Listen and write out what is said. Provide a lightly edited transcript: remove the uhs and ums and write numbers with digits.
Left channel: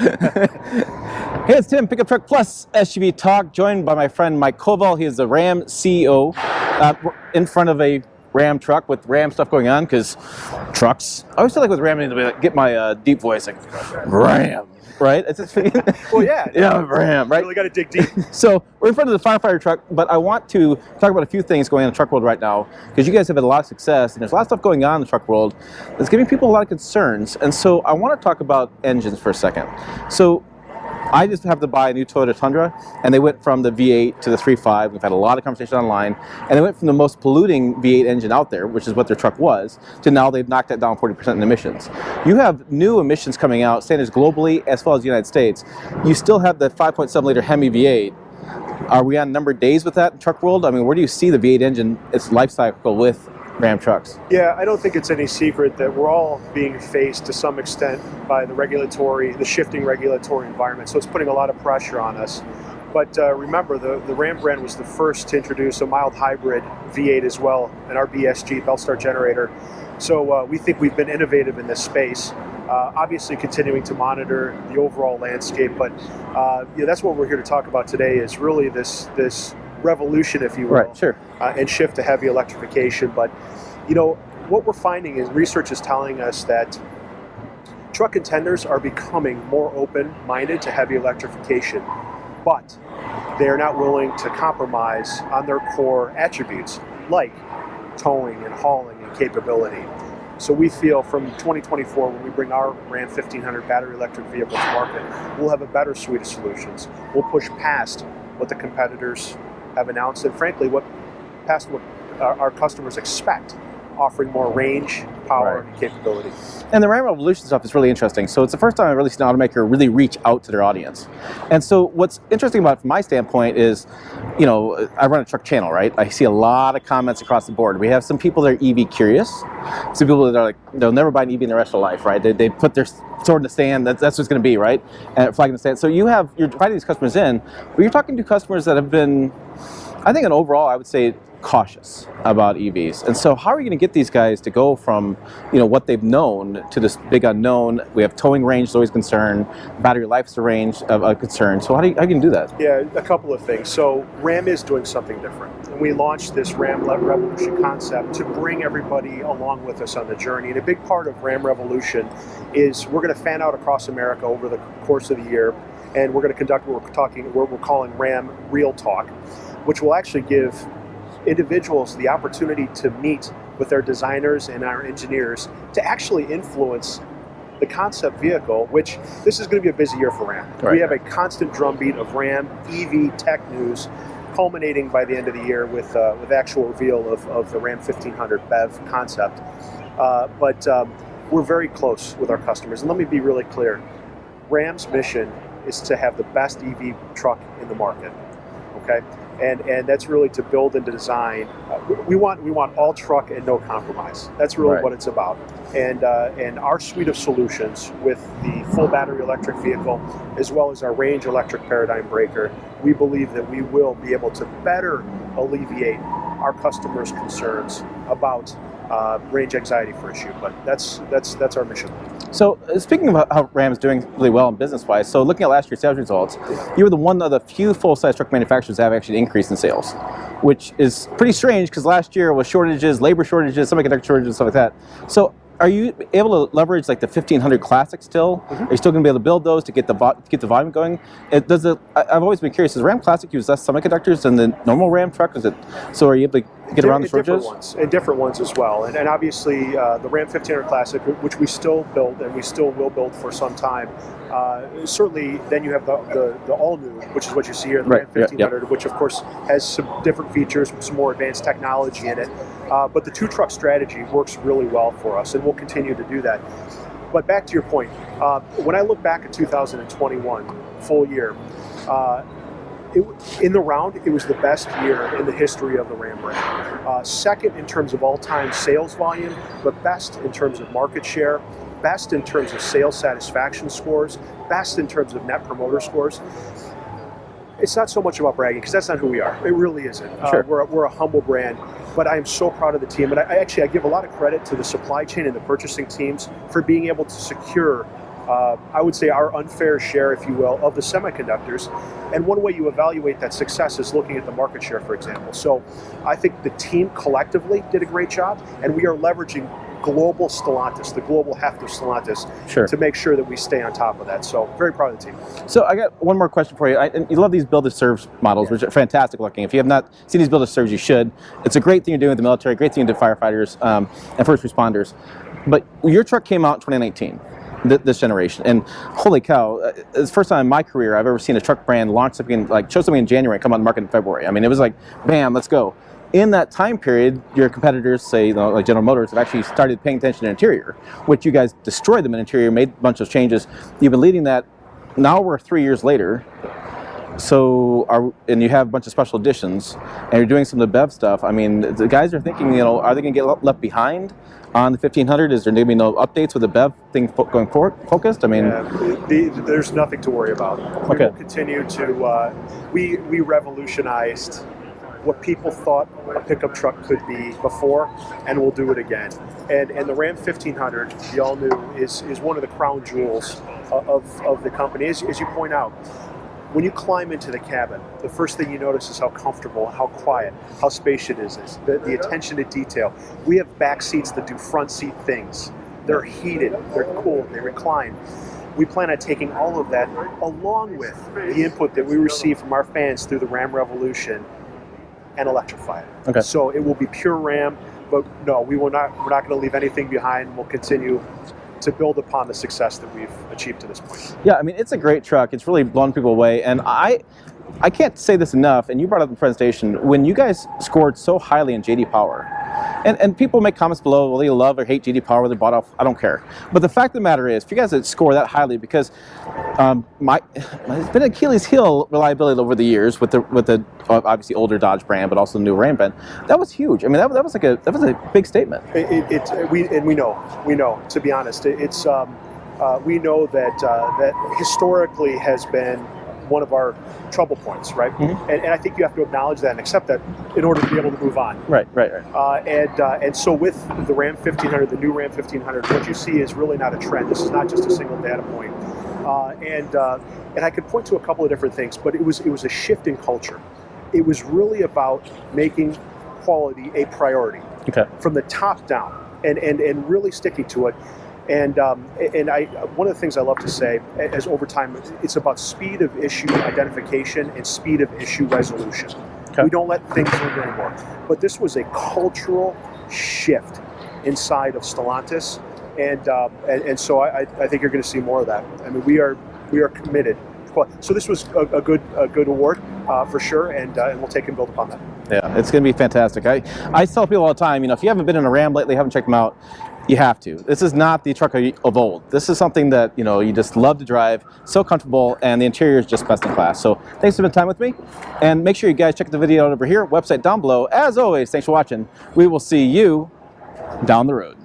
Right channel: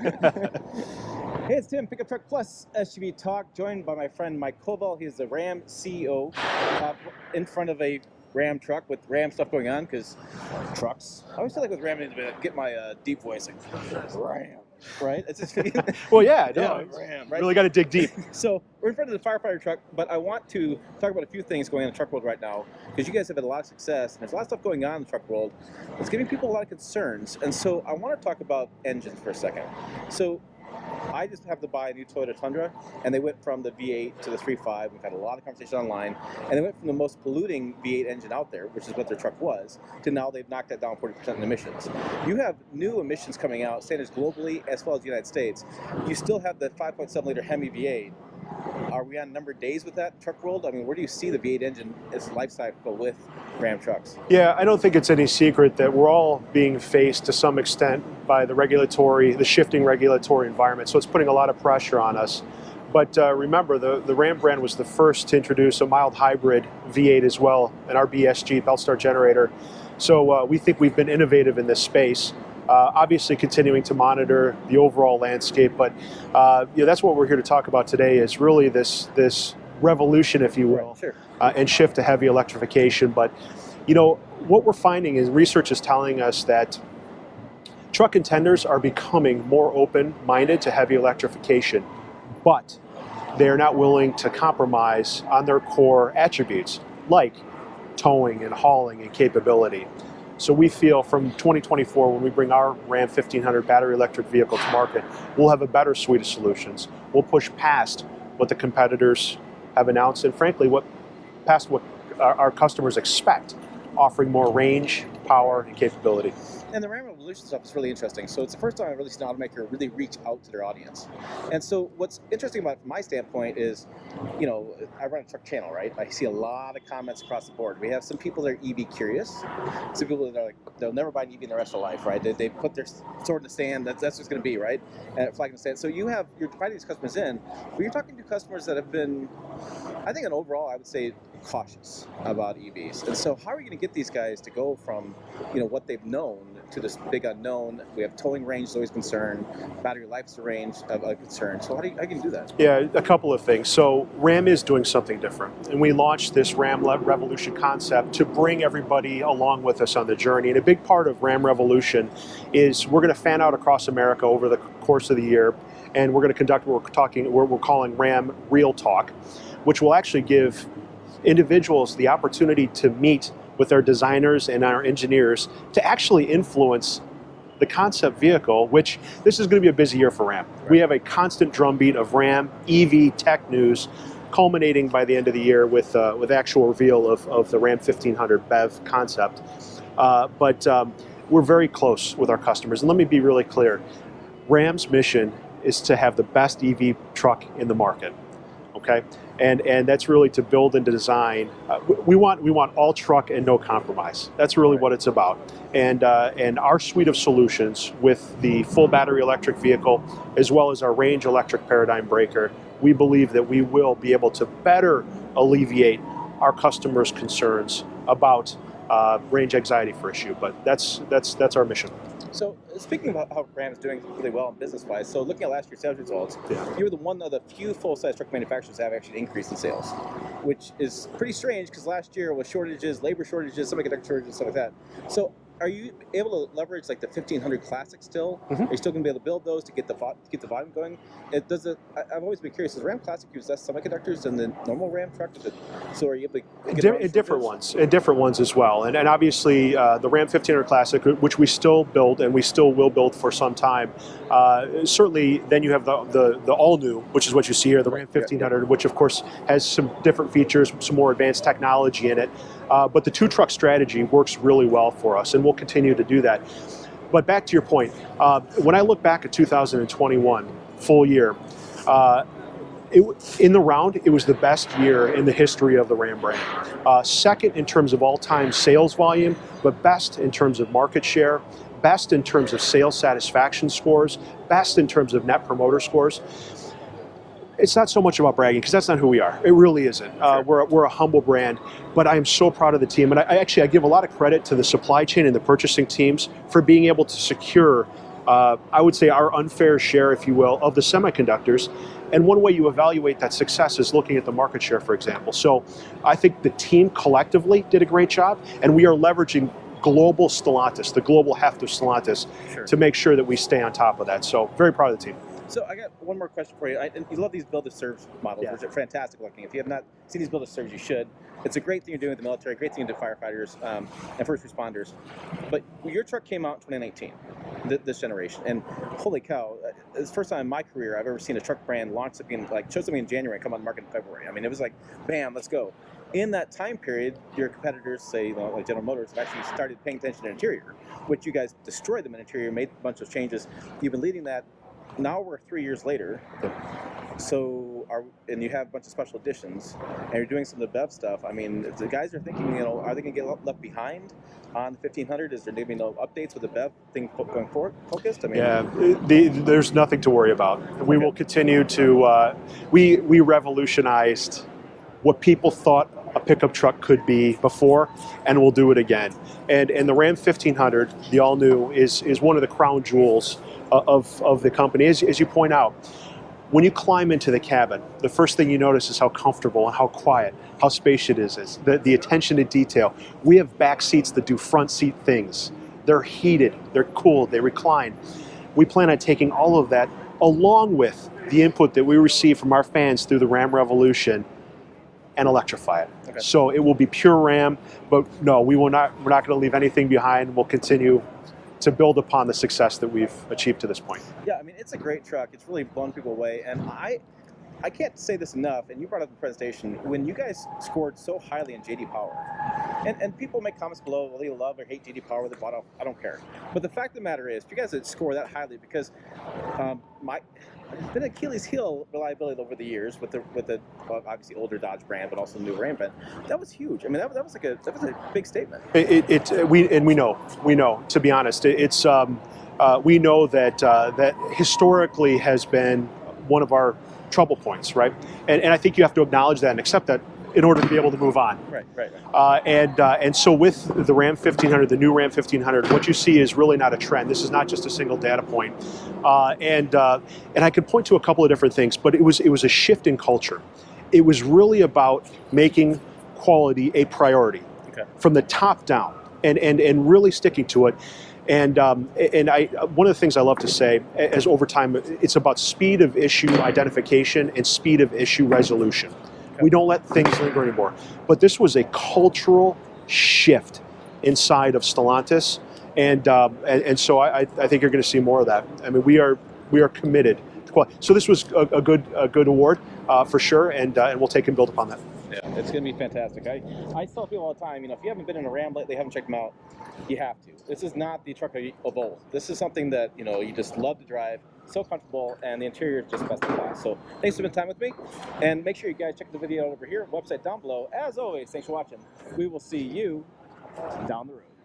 Hey, it's Tim, Pickup Truck Plus SUV Talk, joined by my friend Mike Koval. He is the Ram CEO in front of a Ram truck with Ram stuff going on, because trucks, I always feel like with Ram, I need to like, get my deep voice, like, Ram, right? It's just, well, yeah. Ram, right? You really got to dig deep. So we're in front of the firefighter truck, but I want to talk about a few things going on in the truck world right now, because you guys have had a lot of success, and there's a lot of stuff going on in the truck world that's giving people a lot of concerns. And so I want to talk about engines for a second. So I just have to buy a new Toyota Tundra, and they went from the V8 to the 3.5. We've had a lot of conversation online, and they went from the most polluting V8 engine out there, which is what their truck was, to now they've knocked that down 40% in emissions. You have new emissions coming out, standards globally as well as the United States. You still have the 5.7 liter Hemi V8. Are we on numbered days with that in truck world? I mean, where do you see the V8 engine, its life cycle with Ram trucks? Yeah, I don't think it's any secret that we're all being faced to some extent by the shifting regulatory environment. So it's putting a lot of pressure on us. But remember, the Ram brand was the first to introduce a mild hybrid V8 as well, an RBSG belt start generator. So we think we've been innovative in this space. Obviously continuing to monitor the overall landscape, but that's what we're here to talk about today, is really this revolution, if you will, right, sure. And shift to heavy electrification. But what we're finding is research is telling us that truck contenders are becoming more open-minded to heavy electrification, but they are not willing to compromise on their core attributes like towing and hauling and capability. So we feel from 2024, when we bring our Ram 1500 battery electric vehicle to market, we'll have a better suite of solutions. We'll push past what the competitors have announced, and frankly, past what our customers expect, offering more range, power, and capability. And the Ram Revolution stuff is really interesting. So it's the first time I've really seen an automaker really reach out to their audience. And so what's interesting about it from my standpoint is, I run a truck channel, right? I see a lot of comments across the board. We have some people that are EV curious, some people that are like, they'll never buy an EV in the rest of their life, right? They put their sword in the sand, that's what it's going to be, right? And flag in the sand. So you're inviting these customers in, but you're talking to customers that have been, I think, overall, I would say, cautious about EVs. And so how are you going to get these guys to go from what they've known to this big unknown? We have towing range is always a concern, battery life's a range of a concern. So how are you going to do that? Yeah, a couple of things. So Ram is doing something different, and we launched this Ram Revolution concept to bring everybody along with us on the journey. And a big part of Ram Revolution is we're going to fan out across America over the course of the year, and we're going to conduct what we're calling Ram Real Talk, which will actually give individuals the opportunity to meet with their designers and our engineers to actually influence the concept vehicle, which this is going to be a busy year for Ram. Right. We have a constant drumbeat of Ram EV tech news, culminating by the end of the year with actual reveal of the Ram 1500 BEV concept. But we're very close with our customers. And let me be really clear. Ram's mission is to have the best EV truck in the market. Okay, and that's really to build and to design. We want all truck and no compromise. That's really what it's about. And our suite of solutions with the full battery electric vehicle, as well as our range electric paradigm breaker, we believe that we will be able to better alleviate our customers' concerns about range anxiety for issue. But that's our mission. So speaking of how Ram's doing really well in business-wise, so looking at last year's sales results, you were one of the few full-size truck manufacturers that have actually increased in sales, which is pretty strange because last year was shortages, labor shortages, semiconductor shortages, stuff like that. So are you able to leverage like the 1500 Classic still? Mm-hmm. Are you still going to be able to build those to get the volume going? I've always been curious, does Ram Classic use less semiconductors than the normal Ram truck? So are you able to get around the shortages? Different ones as well. And obviously the Ram 1500 Classic, which we still build and we still will build for some time, certainly then you have the all-new, which is what you see here, the Ram 1500, which of course has some different features, some more advanced technology in it. But the two-truck strategy works really well for us, and we'll continue to do that. But back to your point, when I look back at 2021, full year, in the round, it was the best year in the history of the Ram brand. Second in terms of all-time sales volume, but best in terms of market share, best in terms of sales satisfaction scores, best in terms of net promoter scores. It's not so much about bragging, because that's not who we are. It really isn't. Sure. We're a humble brand, but I am so proud of the team. And I give a lot of credit to the supply chain and the purchasing teams for being able to secure I would say, our unfair share, if you will, of the semiconductors. And one way you evaluate that success is looking at the market share, for example. So I think the team collectively did a great job, and we are leveraging global Stellantis, the global heft of Stellantis, Sure. to make sure that we stay on top of that. So very proud of the team. So I got one more question for you. And you love these build-to-serve models, which are fantastic looking. If you have not seen these build-to-serves, you should. It's a great thing you're doing with the military, great thing to firefighters and first responders. But your truck came out in 2019. This generation, and holy cow, it's the first time in my career I've ever seen a truck brand launch something, like show something in January and come on the market in February. I mean, it was like, bam, let's go. In that time period, your competitors, say, you know, like General Motors, have actually started paying attention to interior, which you guys destroyed them in interior, made a bunch of changes. You've been leading that. Now we're 3 years later. So, and you have a bunch of special editions, and you're doing some of the BEV stuff. I mean, the guys are thinking, you know, are they going to get left behind on the 1500? Is there maybe no updates with the BEV thing going forward focused? I mean, there's nothing to worry about. We will continue to. We revolutionized what people thought a pickup truck could be before, and we'll do it again. And the Ram 1500, the all new, is one of the crown jewels of the company. As you point out, when you climb into the cabin, the first thing you notice is how comfortable and how quiet, how spacious it is, the attention to detail. We have back seats that do front seat things. They're heated, they're cooled, they recline. We plan on taking all of that, along with the input that we receive from our fans through the Ram Revolution, and electrify it. Okay. So it will be pure Ram, but no, we're not going to leave anything behind. We'll continue to build upon the success that we've achieved to this point. Yeah, I mean, it's a great truck. It's really blown people away. And I can't say this enough, and you brought up in the presentation, when you guys scored so highly in JD Power, and people make comments below, well, they love or hate JD Power, they bought off, I don't care. But the fact of the matter is, if you guys score that highly, because it's been Achilles' heel reliability over the years with the obviously older Dodge brand, but also the new Ram brand. That was huge. I mean, that was a big statement. We know. To be honest, we know that historically has been one of our trouble points, right? Mm-hmm. And I think you have to acknowledge that and accept that in order to be able to move on. Right. And so with the Ram 1500, the new Ram 1500, what you see is really not a trend. This is not just a single data point. And I could point to a couple of different things, but it was a shift in culture. It was really about making quality a priority from the top down, and really sticking to it. And one of the things I love to say, as over time, it's about speed of issue identification and speed of issue resolution. Okay. We don't let things linger anymore. But this was a cultural shift inside of Stellantis, and so I think you're going to see more of that. I mean, we are committed. So this was a good award for sure, and we'll take and build upon that. Yeah, it's going to be fantastic. I tell people all the time, you know, if you haven't been in a Ram lately, haven't checked them out, you have to. This is not the truck of old. This is something that, you know, you just love to drive, so comfortable, and the interior is just best in class. So thanks for spending time with me, and make sure you guys check the video out over here, website down below. As always, thanks for watching. We will see you down the road.